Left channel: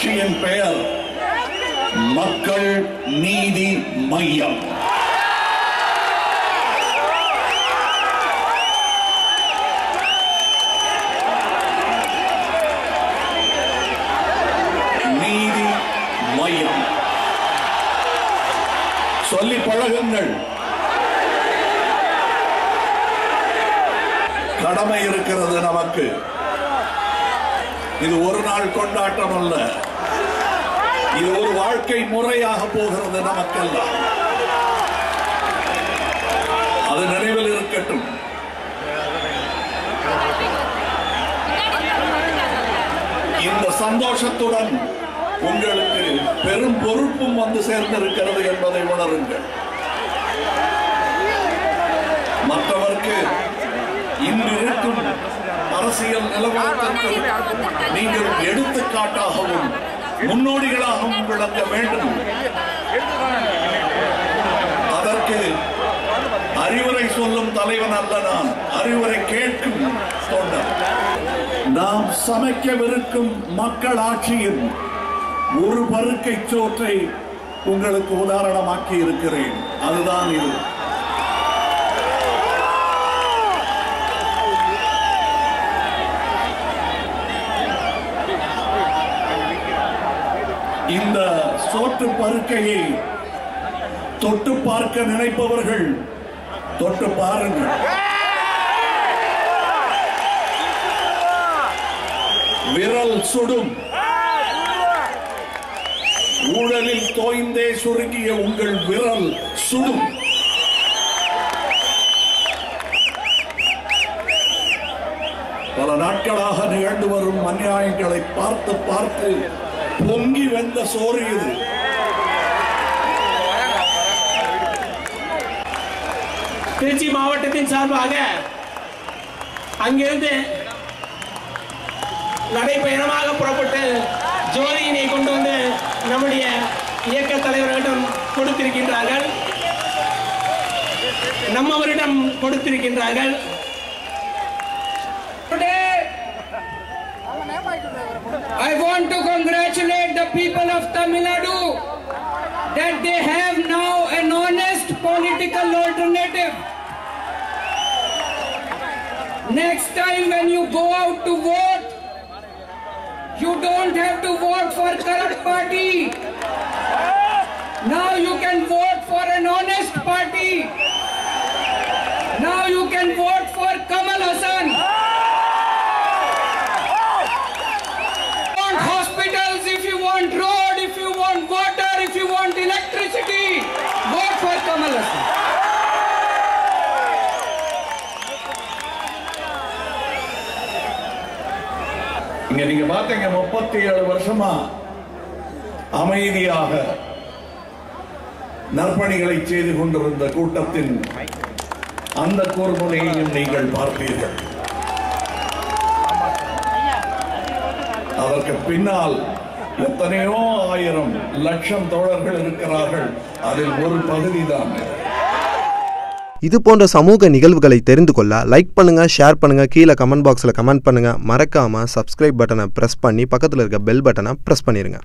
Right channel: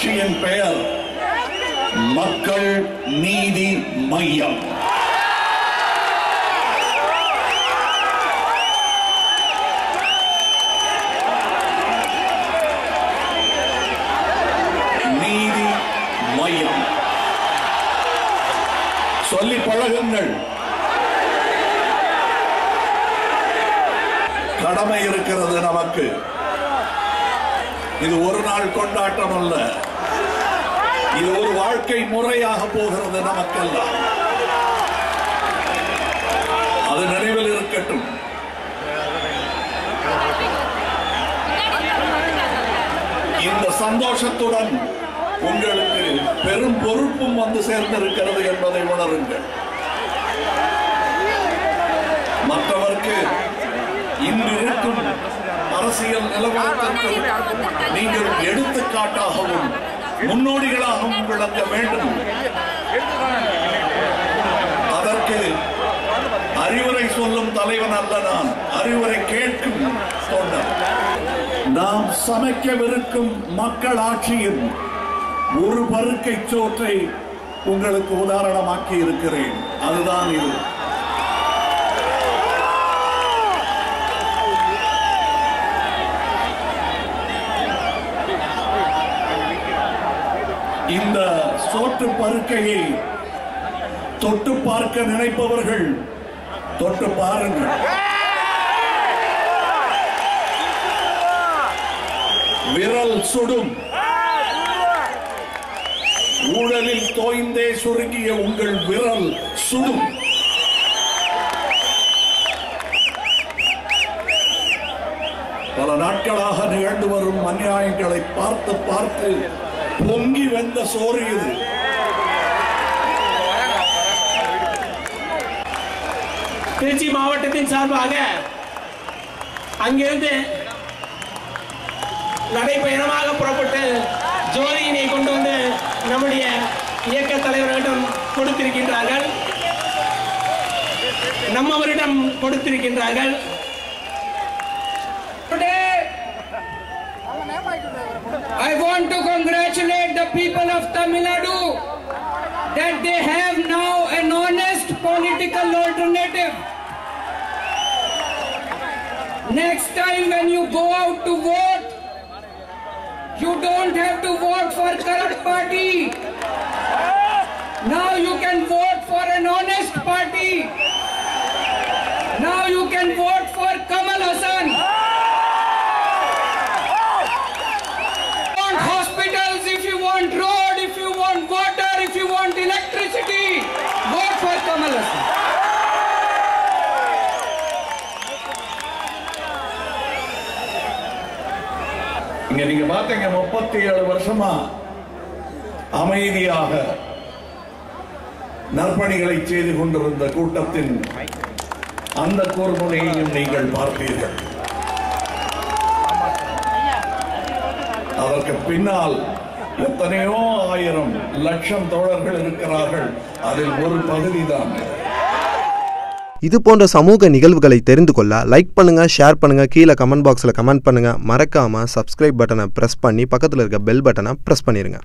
கட்சியின் பெயர் மக்கள் நீதி மையம். நீதி மையம். சொல்லி பழகுங்கள். கடமை இருக்கிறது நமக்கு. இது ஒரு நாள் கொண்டாட்டம் அல்ல இது ஒரு வாழ்க்கை முறையாக போகிறது நமக்கெல்லாம் அது நினைவில் இருக்கட்டும். இந்த சந்தோஷத்துடன் உங்களுக்கு பெரும் பொறுப்பும் வந்து சேர்ந்திருக்கிறது என்பதை உணருங்கள். மற்றவர்க்கு இன்று இருக்கும் அரசியல் நிலவரத்திற்கு நீங்கள் எடுத்துக்காட்டாகவும் முன்னோடிகளாகவும் விளங்க வேண்டும். அதற்கு அறிவுரை சொல்லும் தலைவன் அல்ல நான். அறிவுரை கேட்கும் தொண்டர். நாம் சமைக்கவிருக்கும் மக்களாட்சியின் ஒரு பருக்கை சோற்றை உங்களுக்கு உதாரணமாக்கி இருக்கிறேன். அதுதான் இது. இந்த சோற்று பருக்கையை தொட்டு பார்க்க நினைப்பவர்கள் தொட்டு பாருங்கள். விரல் சுடும். ஊழலில் தோய்ந்தே சுருங்கிய உங்கள் விரல் சுடும். பல நாட்களாக நிகழ்ந்து வரும் அநியாயங்களை பார்த்து பார்த்து பொங்கி வெந்த சோறு இது. திருச்சி மாவட்டத்தின் சார்பாக அங்கிருந்து நடைபயணமாக புறப்பட்டு ஜோதியினை கொண்டு வந்து நம்முடைய இயக்க தலைவர்களிடம் கொடுத்திருக்கின்றார்கள். நம்மவரிடம் கொடுத்திருக்கின்றார்கள். I want to congratulate the people of Tamil Nadu that they have now an honest political alternative. Next time when you go out to vote, you don't have to vote for current party. Now you can vote for an honest party. Hassan. இங்க நீங்க பாத்தீங்க முப்பத்தி ஏழு வருஷமா அமைதியாக நற்பணிகளை செய்து கொண்டிருந்த கூட்டத்தின் அந்த கூர்முனையையும் நீங்கள் பார்த்தீர்கள் அதற்கு பின்னால் எத்தனையோ ஆயிரம் லட்சம் தோழர்கள் இருக்கிறார்கள். அதில் ஒரு பகுதிதான் இது போன்ற சமூக நிகழ்வுகளை தெரிந்து கொள்ள லைக் பண்ணுங்க ஷேர் பண்ணுங்க கீழே கமெண்ட் பாக்ஸில் கமெண்ட் பண்ணுங்க. மறக்காம சப்ஸ்கிரைப் பட்டனை ப்ரெஸ் பண்ணி பக்கத்தில் இருக்க பெல் பட்டனை ப்ரெஸ் பண்ணிடுங்க